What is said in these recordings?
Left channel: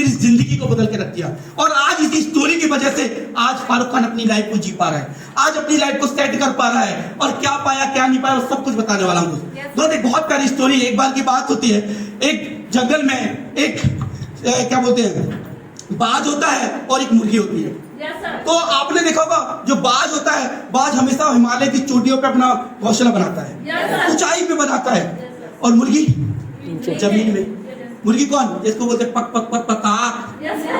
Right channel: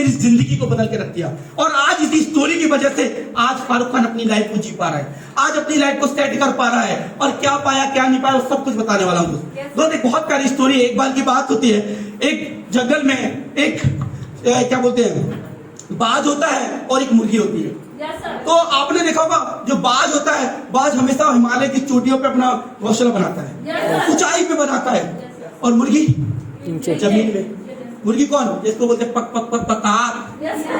मेरी जिंदगी को बदल के रख दिया। और आज इसी स्टोरी की वजह से आज फारूक खान अपनी लाइफ को जी पा रहा है, आज अपनी लाइफ को सेट कर पा रहा है, और क्या पाया क्या नहीं पाया सब कुछ बताने वाला हूँ दोस्त। एक बहुत प्यारी स्टोरी है। एक बार की बात होती है, एक जंगल में एक क्या बोलते हैं बाज होता है और एक मुर्गी होती है। तो आपने देखा होगा जो बाज होता है, बाज हमेशा हिमालय की चोटियों पे अपना घोंसला बनाता है, ऊंचाई पे बनाता है, और मुर्गी जमीन में। मुर्गी कौन, जिसको बोलते हैं पक पक पक पका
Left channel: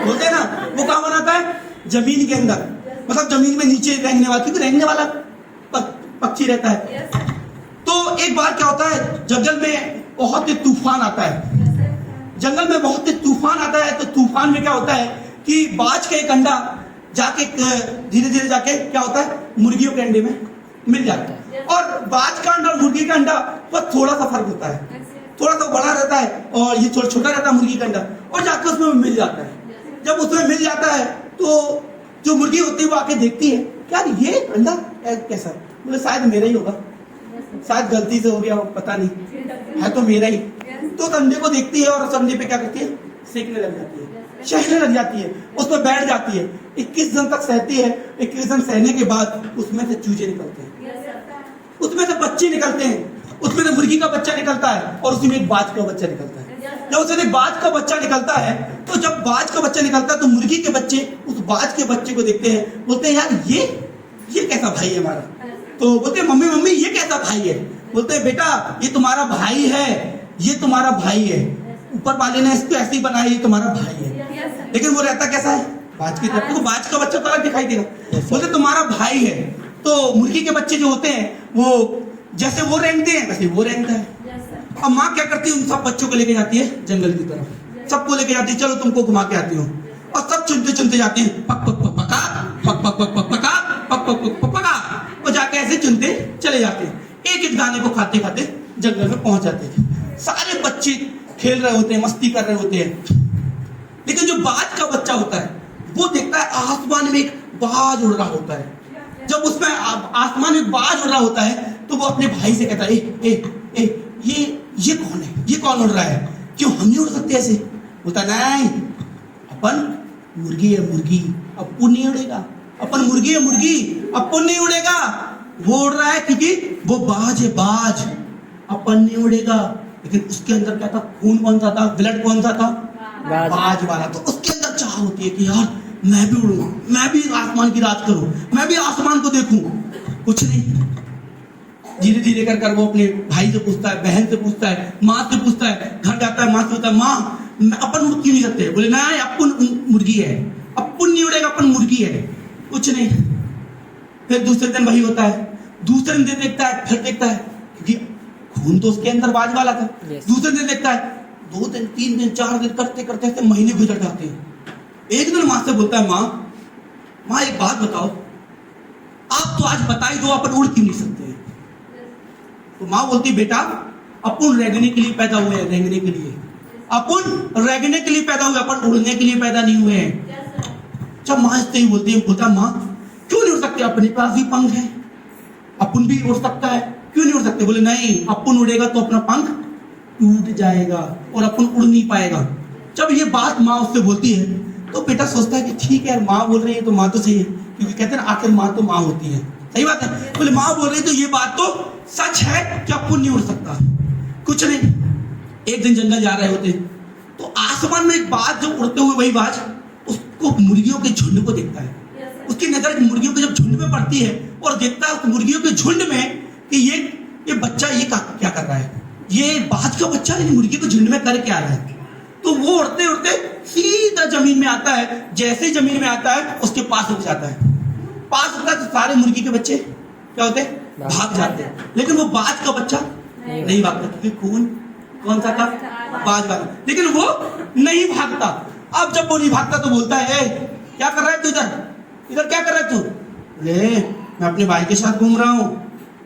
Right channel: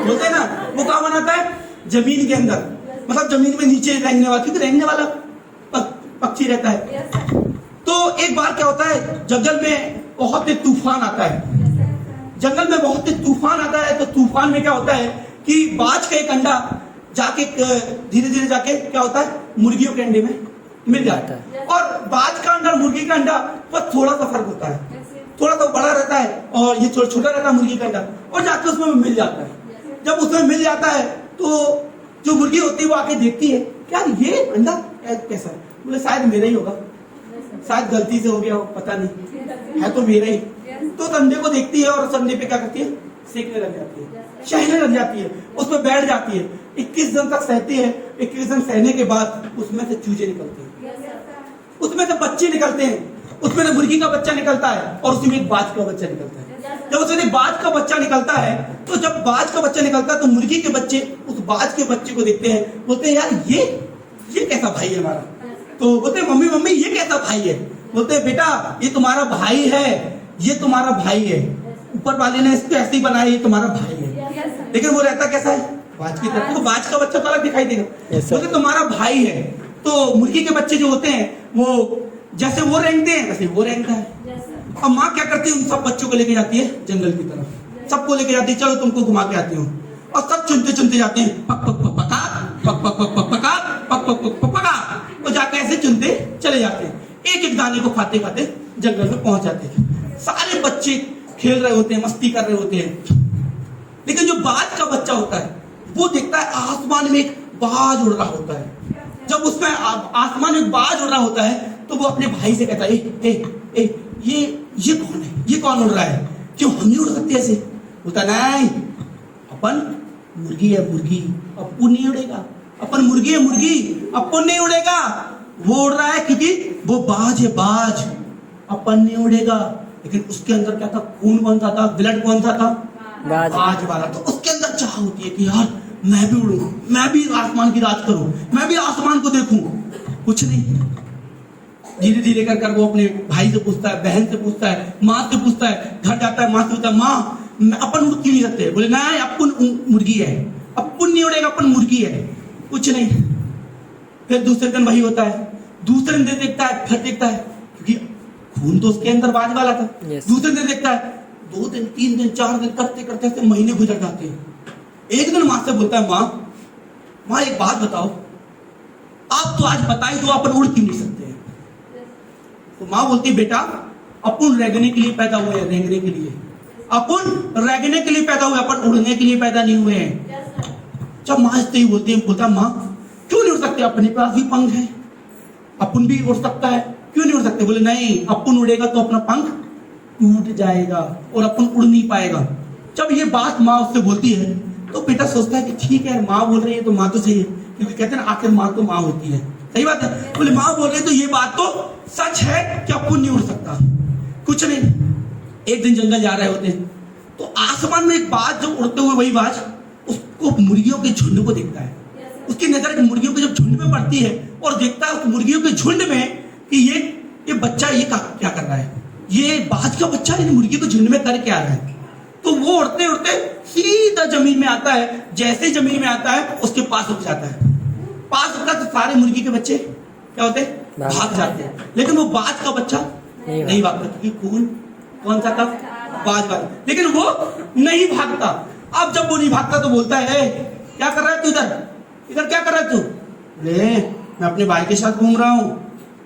बोलते हैं ना, वो कहाँ बनाता है, जमीन के अंदर, मतलब जमीन में नीचे रेंगने वाला, क्योंकि रेंगने वाला पक्षी रहता है। तो एक बार क्या होता है, जंगल में बहुत ही तूफान आता है, जंगल में बहुत ही तूफान आता है। तो तूफान में क्या होता है कि बाज का एक अंडा जाके धीरे धीरे जाके क्या होता है, मुर्गियों के अंडे में मिल जाता है। और बाज का अंडा मुर्गी का अंडा पर थोड़ा सा फर्क होता है, थोड़ा सा बड़ा रहता है और ये थोड़ा छोटा रहता है मुर्गी का अंडा, और जाके उसमें मिल जाता है। जब उसमें मिल जाता है तो जो मुर्गी होती है वो आके देखती है, यार ये अंडा कैसा है, बोले शायद मेरा ही होगा, शायद गलती से हो गया हो, पता नहीं है तो मेरा ही। तो उस अंडे को देखती है और उस अंडे पे क्या करती है, सेकने लग जाती है, सहने लग जाती है, उसमें बैठ जाती है। 21 दिन तक सहती है। 21 दिन सहने के बाद उसमें से चूजे निकलते हैं, उसमें से बच्चे निकलते हैं, उसमें से मुर्गी का बच्चा निकलता है और उसमें एक बाज का बच्चा निकलता है। जब उसमें बाज का बच्चा निकलता है, तो जब बाज का बच्चा निकलता है तो मुर्गी के बच्चे उस बाज के बच्चे को देखते हैं, बोलते हैं यार ये कैसा भाई है हमारा। तो बोलते हैं मम्मी मम्मी ये कैसा भाई है, बोलते हैं बेटा ये तुम्हारा भाई है, ये तुम्हारा भाई है, ऊपर वाले ने इसको ऐसे ही बनाया, ये तुम्हारा भाई है। लेकिन वो रहता कैसा है, बाज की तरह, तो बाज का बच्चा तो अलग दिखाई देगा। बोलते तुम्हारा भाई है। तो मुर्गी के बच्चे जो होते हैं वो जैसे वो रेंगते हैं वैसे वो रेंगता है। अब माँ क्या करती है, उन सब बच्चों को लेके जाती है जंगल की तरफ, सबको लेके जाती है, चलो तुमको घुमा के आती हूँ। और सब चुनते चुनते जाते हैं, पक पक पक पका, पक पक पक पक पका, पक पक पक पक पका, और जाके ऐसे चुनते चले जाते हैं। एक एक गाने को खाते खाते जंगल में पहुंच जाते हैं। सारे बच्चे खेल रहे होते हैं, मस्ती कर रहे होते हैं। लेकिन जो बाज का बच्चा होता है वो देखता है आसमान में एक बाज उड़ रहा होता है। जब उसमें आसमान में बाज उड़ रहा होता है तो वो अपने भाई से कहता है, ए, ए, ए, ये कौन है, ये कौन उड़ रहा है, क्यों हम नहीं उड़ सकते ऐसे। बोलता नहीं, अपन मुर्गी है मुर्गी, अपन नहीं उड़ेगा, अपन मुर्गी है मुर्गी, अपन नहीं उड़ेगा। वो उड़ रहा है क्योंकि वो बाज है बाज, अपन नहीं उड़ेगा। लेकिन उसके अंदर क्या था, खून कौन सा था, ब्लड कौन सा था, बाज वाला। तो उसके अंदर चाह होती है कि यार मैं भी उड़ूं, मैं भी आसमान की राज करूं, मैं भी आसमान को देखूं। कुछ नहीं, धीरे धीरे कर वो अपने भाई से पूछता है, बहन से पूछता है, माँ से पूछता है, घर जाता है, माँ से पूछता है, माँ अपन उड़ क्यों नहीं सकते। बोले ना अपन मुर्गी है, अपन नहीं उड़ेगा, अपन मुर्गी है। कुछ नहीं। फिर दूसरे दिन वही होता है, दूसरे दिन देखता है, फिर देखता है क्योंकि खून तो उसके अंदर बाज वाला था। दूसरे दिन देखता है, 2 दिन 3 दिन 4 दिन करते करते महीने गुजर जाते हैं। एक दिन माँ से बोलता है, माँ एक बात बताओ, आप तो आज बता ही दो अपन उड़ क्यों नहीं सकते। तो माँ बोलती, बेटा अपन रेंगने के लिए पैदा हुए हैं, रेंगने के लिए, अपन रेंगने के लिए पैदा हुए, अपन उड़ने के लिए पैदा नहीं हुए हैं। जब माँ इससे ही बोलती है, बोलता माँ क्यों नहीं उड़ सकते, अपने पास भी पंख है, अपन भी उड़ सकता है, क्यों नहीं उड़ सकते। बोले नहीं, अपन उड़ेगा तो अपना पंख टूट जाएगा और अपन उड़ नहीं पाएगा। जब ये बात माँ उससे बोलती है तो बेटा सोचता है कि ठीक है माँ बोल रही है तो माँ तो सही है, क्योंकि कहते हैं आखिर माँ तो माँ होती है, सही बात है। बोले माँ बोल रही तो ये बात तो सच है कि अपन नहीं उड़ सकता। कुछ नहीं, एक दिन जंगल जा रहे होते तो आसमान में एक बाज, जो उड़ते हुए वही बाज उसको मुर्गियों के झुंड को देखता है। उसकी नजर मुर्गियों के जब झुंड में पड़ती है और देखता है उस मुर्गियों के झुंड में कि ये बच्चा ये क्या कर रहा है, ये बाज का बच्चा इन मुर्गी को झुंड में कर क्या रहा है। तो वो उड़ते उड़ते सीधा जमीन में आता है। जैसे जमीन में आता है उसके पास रुक जाता है। पास रुका तो सारे मुर्गी के बच्चे क्या होते हैं, भाग जाते हैं। लेकिन वो बाज का बच्चा नहीं भागता, क्योंकि खून कौन सा था, बाज वाला। लेकिन वो नहीं भागता। अब जब वो नहीं भागता तो बोलता है, क्या कर रहा है तू इधर क्या कर रहा है तू। बोले मैं अपने भाई के साथ घूम रहा हूँ।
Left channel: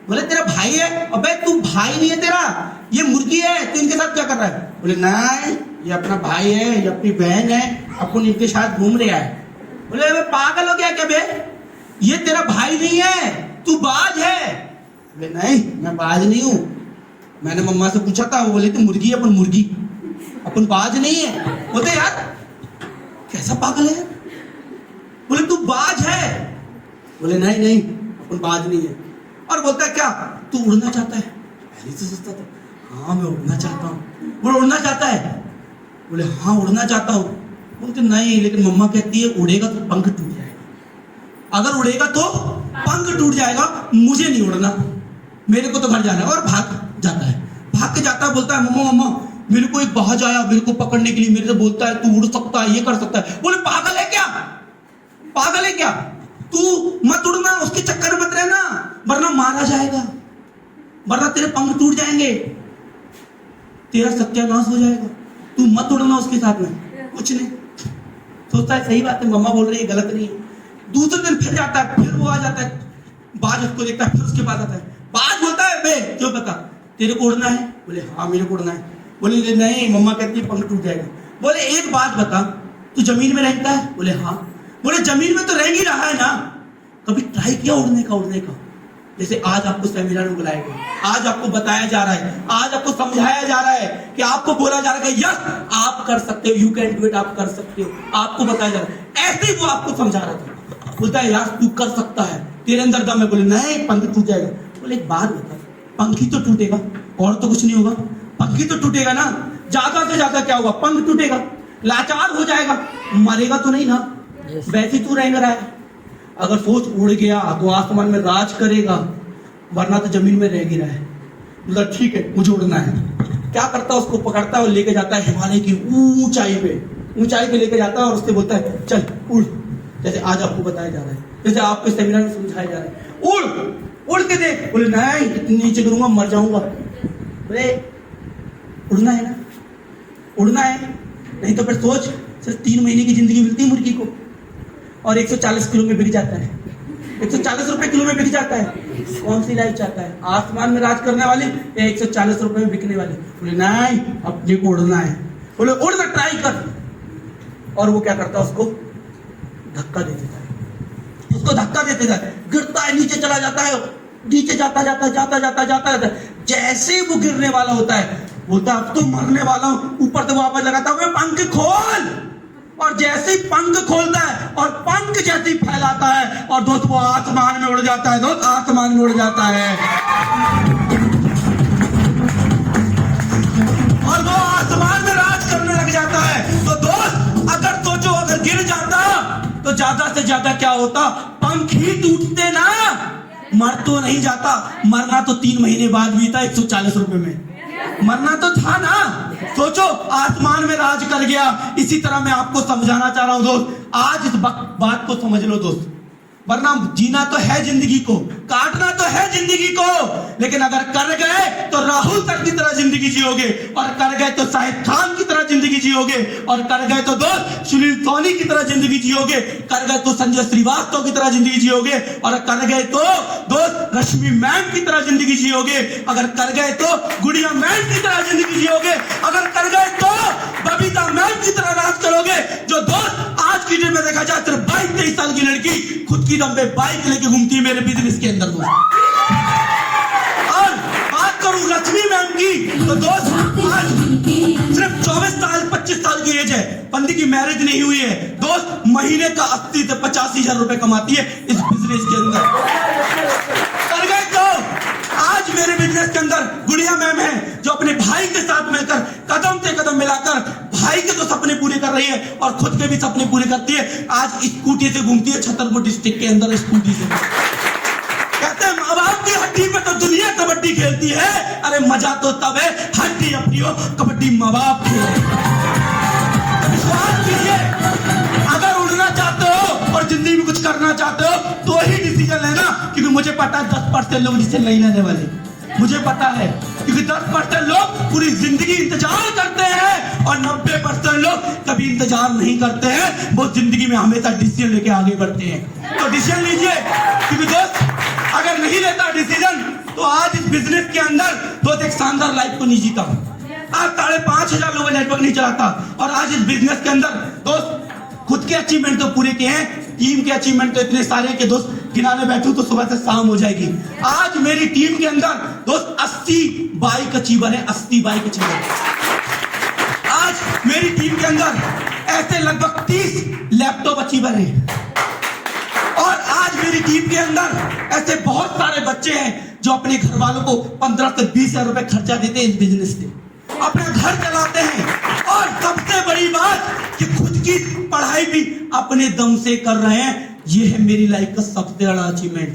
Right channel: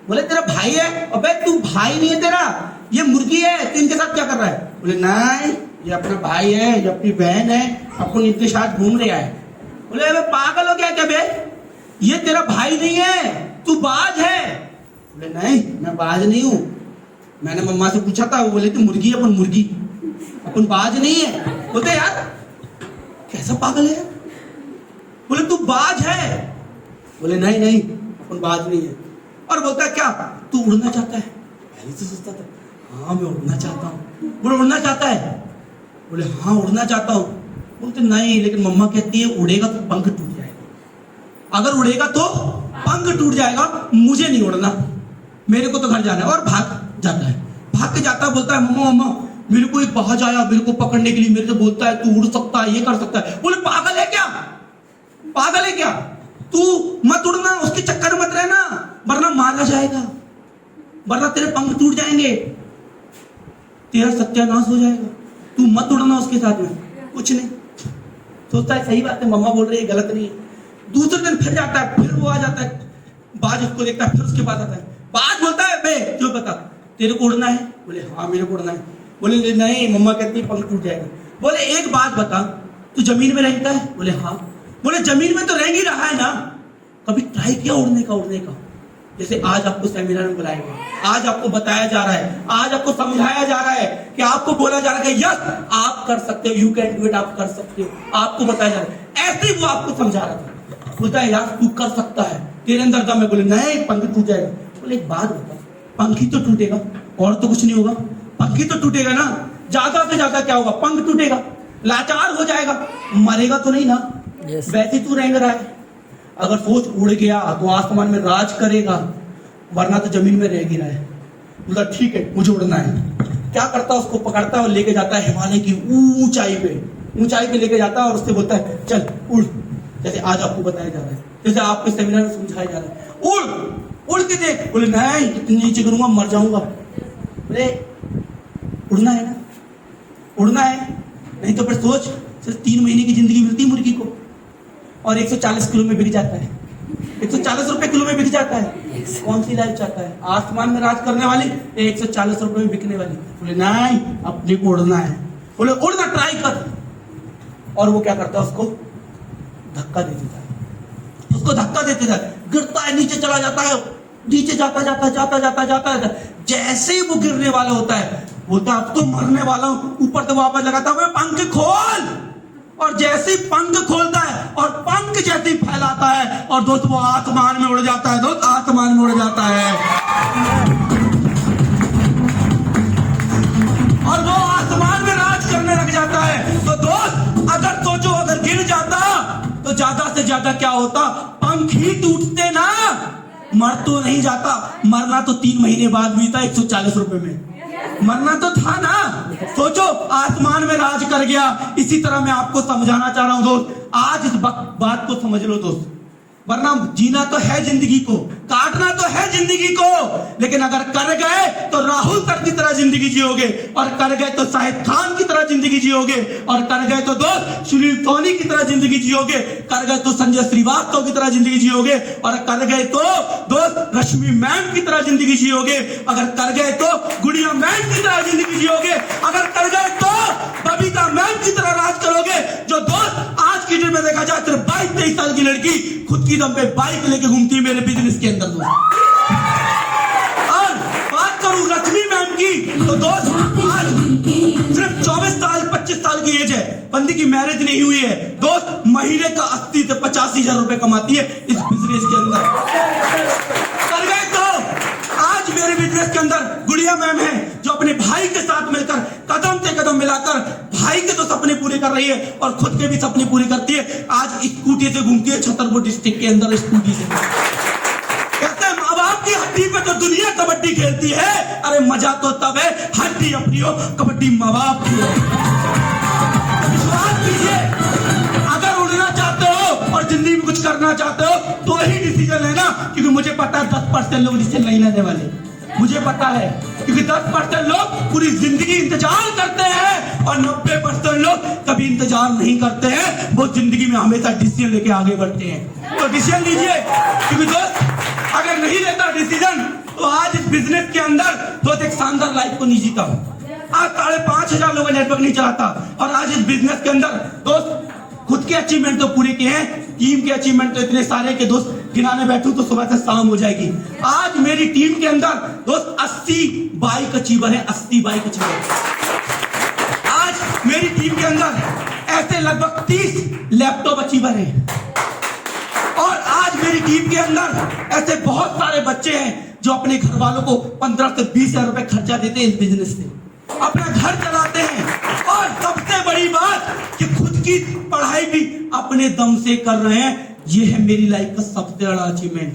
बोले तेरा भाई है, अबे तू भाई नहीं है, तेरा ये मुर्गी है, तू इनके साथ क्या कर रहा है। बोले नहीं, ये अपना भाई है, ये अपनी बहन है, अपन इनके साथ घूम रहा है। बोले मैं पागल हो गया क्या बे, ये तेरा भाई नहीं है, तू बाज है। बोले नहीं, मैं बाज नहीं हूँ, मैंने मम्मा से पूछा था, वो बोले तू मुर्गी है, अपन मुर्गी, अपन बाज नहीं है। बोलते यार कैसा पागल है? बोले तू बाज है? बोले नहीं नहीं, अपन बाज नहीं है। और बोलता है क्या तू उड़ना चाहता है? पहले से सोचता था हाँ मैं उड़ना चाहता हूँ। बोले उड़ना चाहता है? बोले हाँ उड़ना चाहता हूँ। बोलते नहीं, लेकिन मम्मा कहती है उड़ेगा तो पंख टूट जाएगा, अगर उड़ेगा तो पंख टूट जाएगा, मुझे नहीं उड़ना, मेरे को तो घर जाना है। और भाग जाता है, भाग के जाता है, बोलता है मम्मा मम्मा मेरे को एक बाज आया मेरे को पकड़ने के लिए, मेरे से बोलता है तू उड़ सकता है, ये कर सकता है। बोले पागल है क्या? पागल है क्या? तू मत उड़ना, उसके चक्कर में मत रहना, वरना मारा जाएगा, वरना तेरे पंख टूट जाएंगे, तेरा सत्यानाश हो जाएगा, तू मत उड़ना उसके साथ में। कुछ नहीं, सोचता है सही बात है, मम्मा बोल रही है, गलत नहीं है। दूसरे दिन फिर जाता है, फिर वो आ जाता है, बाज उसको देखता है, फिर उसके पास आता है। बाज बोलता है बे क्यों बता, तेरे को उड़ना है? बोले हाँ मेरे को उड़ना है। बोले नहीं, मम्मा कहती है पंख टूट जाएगा। बोले एक बात बता, तू जमीन में रहता है? बोले हाँ। बोले जमीन में तो रह ही रहा है ना, कभी ट्राई किया उड़ने का? उड़ने का जैसे आज आपको सेमिनार में बुलाया गया, आज आपको बताया जा रहा है, आज आपको समझाया जा रहा है कि आपको बोला जा रहा है यस आप कर सकते हो, यू कैन डू इट, आप कर सकते हो, आपको बताया जा रहा है। ऐसे ही वो आपको समझा रहा था, बोलता है यार तू कर सकता है, तेरे अंदर दम है। बोले नहीं, पंख टूट जाएगा। बोले एक बात बता, पंखी तो टूटेगा और तो कुछ नहीं होगा, पंखी तो टूटेगा ना, ज्यादा से ज्यादा क्या होगा, पंख टूटेगा, लाचार हो जाएगा, मरेगा तो नहीं ना, वैसे तू रहेगा। अगर सोच उड़ गया तो आसमान में राज करेगा, वरना तो जमीन में रह गिरा है। मतलब ठीक है मुझे उड़ना है। क्या करता है, उसको पकड़ता है और लेके जाता है हिमालय की ऊंचाई पे लेके जाता है और उससे बोलता है चल उड़, जैसे आज आपको बताया जा रहा है, जैसे आपके सेमिनार में समझाया जा रहा है, उड़ के देख। बोले नहीं, इतनी नीचे करूंगा मर जाऊंगा। बोले उड़ना है ना, उड़ना है, नहीं तो फिर सोच सिर्फ 3 महीने की जिंदगी मिलती है मुर्गी को, और 140 किलो में बिक जाता है, 140 रुपए किलो में बिक जाता है। कौन सी लाइफ चाहता है, आसमान में राज करने वाली या 140 रुपए में बिकने वाली? बोले नहीं, अपने को उड़ना है। बोले उड़ना ट्राई कर। और वो क्या करता है, उसको धक्का दे देता है, उसको धक्का देते जाता है, गिरता है, नीचे चला जाता है, नीचे जाता। जैसे वो गिरने वाला होता है, बोलता है अब तो मरने वाला हूं, ऊपर से वापस लगाता है पंख खोल, और जैसे ही पंख खोलता है और पंख जैसे ही फैलाता है और दोस्त वो आसमान में उड़ जाता है, दोस्त आसमान में उड़ जाता है, और वो आसमान में राज करने लग जाता है। तो दोस्त अगर सोचो, अगर गिर जाता तो ज्यादा से ज्यादा क्या होता, पंख ही टूटते ना, मर तो नहीं जाता। मरना तो 3 महीने बाद भी था 140 रुपए में, मरना तो था ना। सोचो आसमान में राज कर गया। इसी तरह मैं आपको समझाना चाह रहा हूं दोस्त, आज इस बात को समझ लो दोस्त, वरना जीना तो है जिंदगी को, काटना तो है जिंदगी को, लेकिन अगर कर गए तो राहुल तक की तरह जिंदगी जियोगे, और कर गए तो शाहिद खान की तरह जिंदगी जियोगे, और कर गए तो दोस्त सुनील सोनी की तरह जिंदगी जियोगे, कर गए तो संजय श्रीवास्तव की तरह जिंदगी जियोगे, और कर गए तो दोस्त रश्मि मैम की तरह जिंदगी जियोगे, अगर कर गए तो गुड़िया मैम की तरह जिंदगी जियोगे, अगर कर गए तो बबीता मैम की तरह राज करोगे। जो दोस्त आज की डेट में देखा जाए सिर्फ 22-23 साल की लड़की खुद की दम पे बाइक लेके घूमती है मेरे बिजनेस के अंदर दोस्त। और बात करूं रश्मि मैम की, तो दोस्त आज सिर्फ 24 साल 25 साल की एज है, बंदी की मैरिज नहीं हुई है दोस्त, महीने का 80 से 85 हजार रुपए कमाती है इस बिजनेस के अंदर। कर गए तो आज मेरे बिजनेस के अंदर गुड़िया मैम है, जो अपने भाई के साथ मिलकर कदम से कदम मिलाकर भाई के तो सपने पूरे कर रही है और खुद के भी सपने पूरे करती है। आज स्कूटी से घूमती है छतरपुर डिस्ट्रिक्ट के अंदर, स्कूटी से। कहते हैं माँ बाप की हड्डी पे तो दुनिया कबड्डी खेलती है, अरे मजा तो तब है हड्डी अपनी हो, कबड्डी माँ बाप की हो। अगर उड़ना चाहते हो और जिंदगी में कुछ करना चाहते हो तो ही डिसीजन लेना, क्योंकि मुझे पता है 10% लोग डिसीजन नहीं लेने वाले, मुझे पता है, क्योंकि 10% लोग पूरी जिंदगी इंतजार करते हैं और 90% लोग कभी इंतजार नहीं करते हैं, वो जिंदगी में हमेशा डिसीजन लेके आगे बढ़ते हैं। तो डिसीजन लीजिए, क्योंकि दोस्त अगर नहीं लेता डिसीजन तो आज इस बिजनेस के अंदर दोस्त एक शानदार लाइफ को नहीं जीता, आज 5,500 लोगों का नेटवर्क नहीं चलाता, और आज इस बिजनेस के अंदर दोस्त खुद के अचीवमेंट तो पूरे किए हैं, टीम के अचीवमेंट तो इतने सारे के दोस्त गिनाने बैठूं तो सुबह से शाम हो जाएगी। आज मेरी टीम के अंदर दोस्त 80 बाइक अचीवर है, 80 बाइक अचीवर। आज मेरी टीम के अंदर ऐसे लगभग 30 लैपटॉप अचीवर हैं। और आज मेरी टीम के अंदर ऐसे बहुत सारे बच्चे हैं जो अपने घर वालों को 15 से 20 हजार रुपए खर्चा देते हैं इस बिजनेस से, अपना घर चलाते हैं। और सबसे बड़ी बात कि खुद की पढ़ाई भी अपने दम से कर रहे हैं। ये है मेरी लाइफ का सबसे बड़ा अचीवमेंट।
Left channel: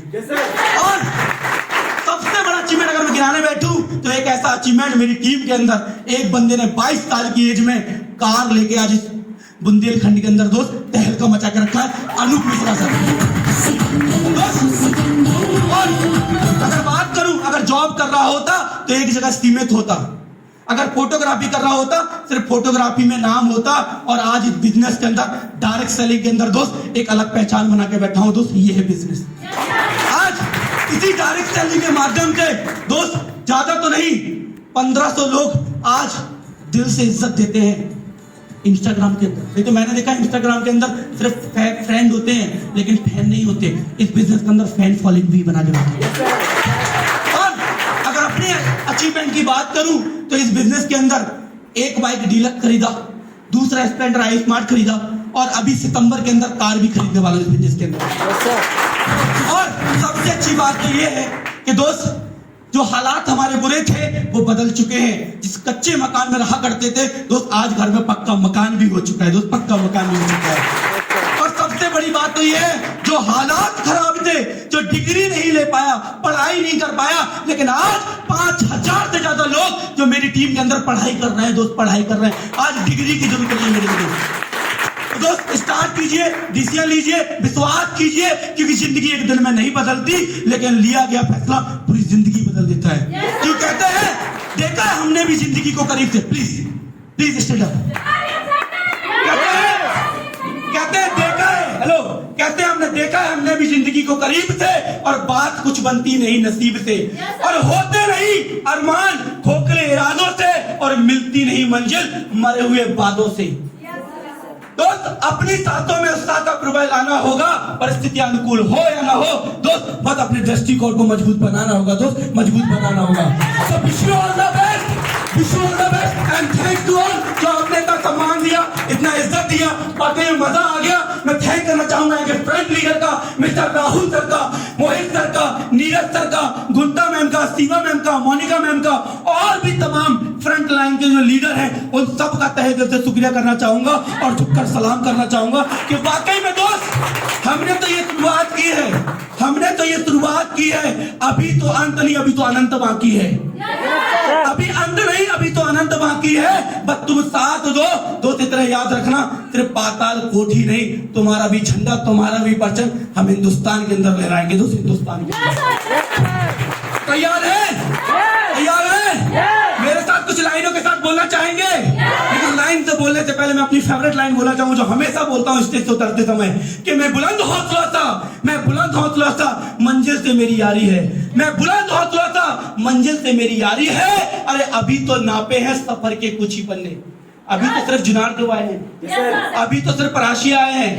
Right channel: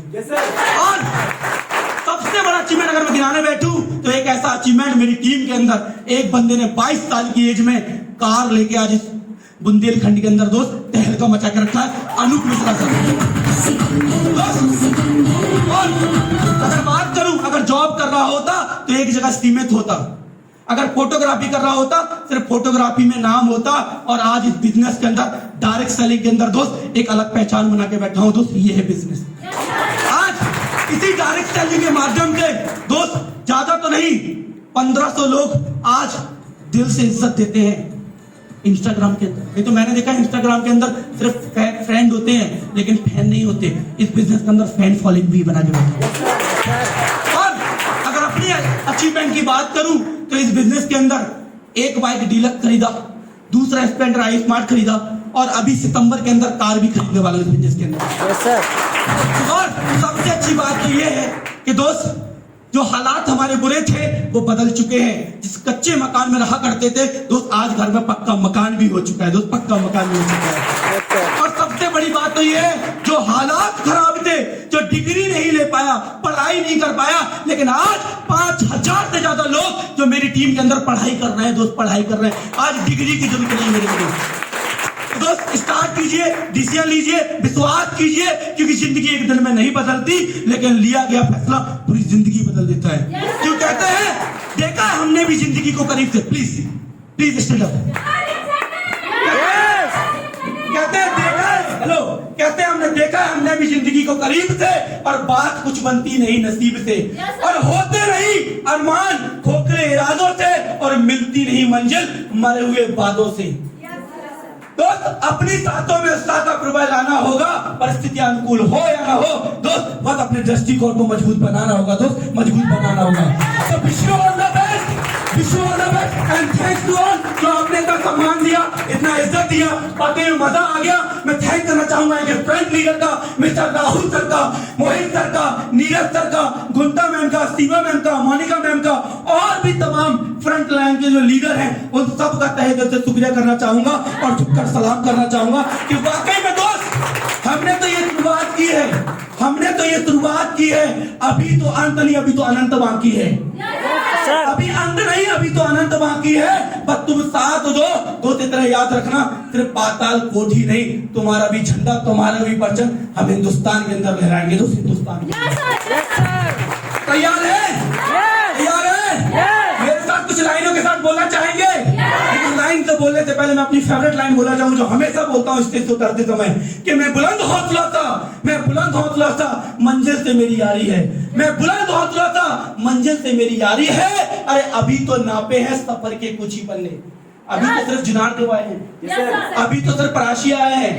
और सबसे बड़ा अचीवमेंट अगर मैं गिनाने बैठूं तो एक ऐसा अचीवमेंट मेरी टीम के अंदर एक बंदे ने 22 साल की एज में कार लेके आज इस बुंदेलखंड के अंदर दोस्त तहलका मचा के रखा है, अनूप मिश्रा साहब। और अगर बात करूं, अगर जॉब कर रहा होता तो एक जगह सीमित होता, अगर फोटोग्राफी कर रहा होता सिर्फ फोटोग्राफी में नाम होता। और आज इस बिजनेस के अंदर डायरेक्ट सेलिंग के अंदर दोस्त एक अलग पहचान बना के बैठा हूं दोस्त, ये है बिजनेस। आज इसी डायरेक्ट सेलिंग के माध्यम से दोस्त ज्यादा तो नहीं 1500 लोग आज दिल से इज्जत देते हैं इंस्टाग्राम के अंदर। ये तो मैंने देखा इंस्टाग्राम के अंदर सिर्फ फ्रेंड होते हैं लेकिन फैन नहीं होते। इस बिजनेस के अंदर फैन फॉलोइंग भी बना के बैठे हैं। और अगर अपने अचीवमेंट की बात करूं तो इस बिजनेस के अंदर एक बाइक डीलक्स खरीदा, दूसरा स्प्लेंडर आई स्मार्ट खरीदा और अभी सितंबर के अंदर कार भी खरीदने वाला इस बिजनेस के अंदर। और सबसे अच्छी बात तो ये है कि दोस्त जो हालात हमारे बुरे थे वो बदल चुके हैं। जिस कच्चे मकान में रहा करते थे दोस्त आज घर में पक्का मकान भी हो चुका है दोस्त, पक्का मकान भी हो चुका है। और सबसे बड़ी बात तो ये है जो हालात खराब थे, जो डिग्री नहीं ले पाया, पढ़ाई नहीं कर पाया, लेकिन आज 5000 से ज्यादा लोग जो मेरी टीम के अंदर पढ़ाई कर रहे हैं दोस्त, पढ़ाई कर रहे हैं। आज डिग्री की जरूरत नहीं है मेरे लिए दोस्त। स्टार्ट कीजिए, डिसीजन लीजिए, विश्वास कीजिए, क्योंकि जिंदगी एक दिन में नहीं बदलती लेकिन लिया गया फैसला पूरी जिंदगी बदल देता है। क्यों कहते हैं, देखा है हमने भी जिंदगी को करीब से। Please please stand up. कहते हैं देखा है, हेलो, कहते हैं हमने देखा है हमने भी जिंदगी को करीब से, और बात कुछ बनती नहीं नसीब से, और होते नहीं अरमान खोखले इरादों से, और मिलती नहीं मंजिल मरे हुए वादों से। दोस्त अपनी साथों में उस्ताद का प्रभाव लाना होगा, परिस्थितियां अनुकूल हो या ना हो दोस्त, बस अपने दृष्टिकोण को मजबूत बनाना होगा दोस्त, मजबूत बनाना होगा। तो wish you all the best, wish you all the best and thanks to all जो आपने इतना सम्मान दिया, इतना इज्जत दिया, बातें में मजा आ गया। मैं थैंक करना चाहूंगा फ्रंट लीडर का, मिस्टर राहुल सर का, मोहित सर का, नीरज सर का, गुंता मैम का, सीमा मैम का, मोनिका मैम का, और भी तमाम फ्रंट लाइन के जो लीडर हैं उन सब का तहे दिल से शुक्रिया करना चाहूंगा और झुककर सलाम करना चाहूंगा कि वाकई में दोस्त हमने तो ये शुरुआत की है, हमने तो ये शुरुआत की है। अभी तो अंत नहीं, अभी तो अनंत बाकी है। अभी अंत नहीं, अभी तो अनंत बाकी है। बस तुम साथ दो दोस्त, इतना याद रखना, सिर्फ पाताल कोठी नहीं, तुम्हारा भी झंडा, तुम्हारा भी परचम हम हिंदुस्तान के अंदर लहराएंगे दोस्त, हिंदुस्तान के। तैयार है? तैयार है? मेरे साथ कुछ लाइनों के साथ बोलना चाहेंगे? लेकिन लाइन से बोलने से पहले मैं अपनी फेवरेट लाइन बोलना चाहूँ जो हमेशा बोलता हूँ स्टेज से उतरते समय, कि मैं बुलंद हौसला था, मैं बुलंद हौसला था, मंजिल से मेरी यारी है। मैं बुलंद हौसला था, मंजिल से मेरी यारी है। अरे अभी तो नापे हैं सफर के कुछ ही पन्ने, अभी तो सिर्फ जुनार के आए हैं, अभी तो सिर्फ पराशी आए हैं,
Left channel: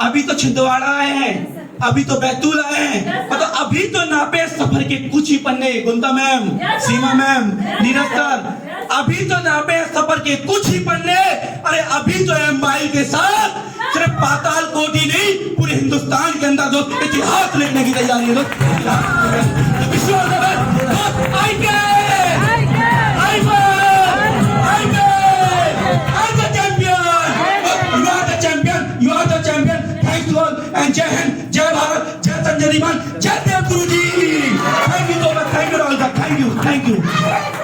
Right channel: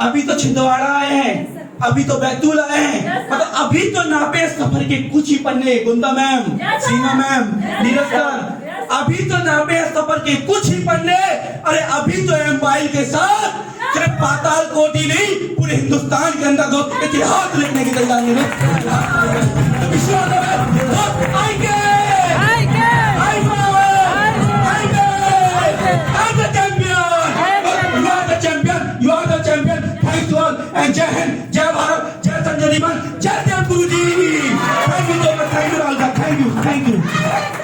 अभी तो छिंदवाड़ा आए हैं, अभी तो बैतूल आए हैं, मतलब अभी तो नापे सफर के कुछ ही पन्ने। गुंदा मैम, सीमा मैम, नीरज सर, अभी तो नापे सफर के कुछ ही पन्ने। अरे अभी तो एम्पायर के साथ सिर्फ पाताल कोठी नहीं, पूरे हिंदुस्तान के अंदर दोस्त इतिहास लिखने की तैयारी है। जय हिंद, जय भारत, जय संजय, जय देव गुरु जी। Thank you, thank you, thank you.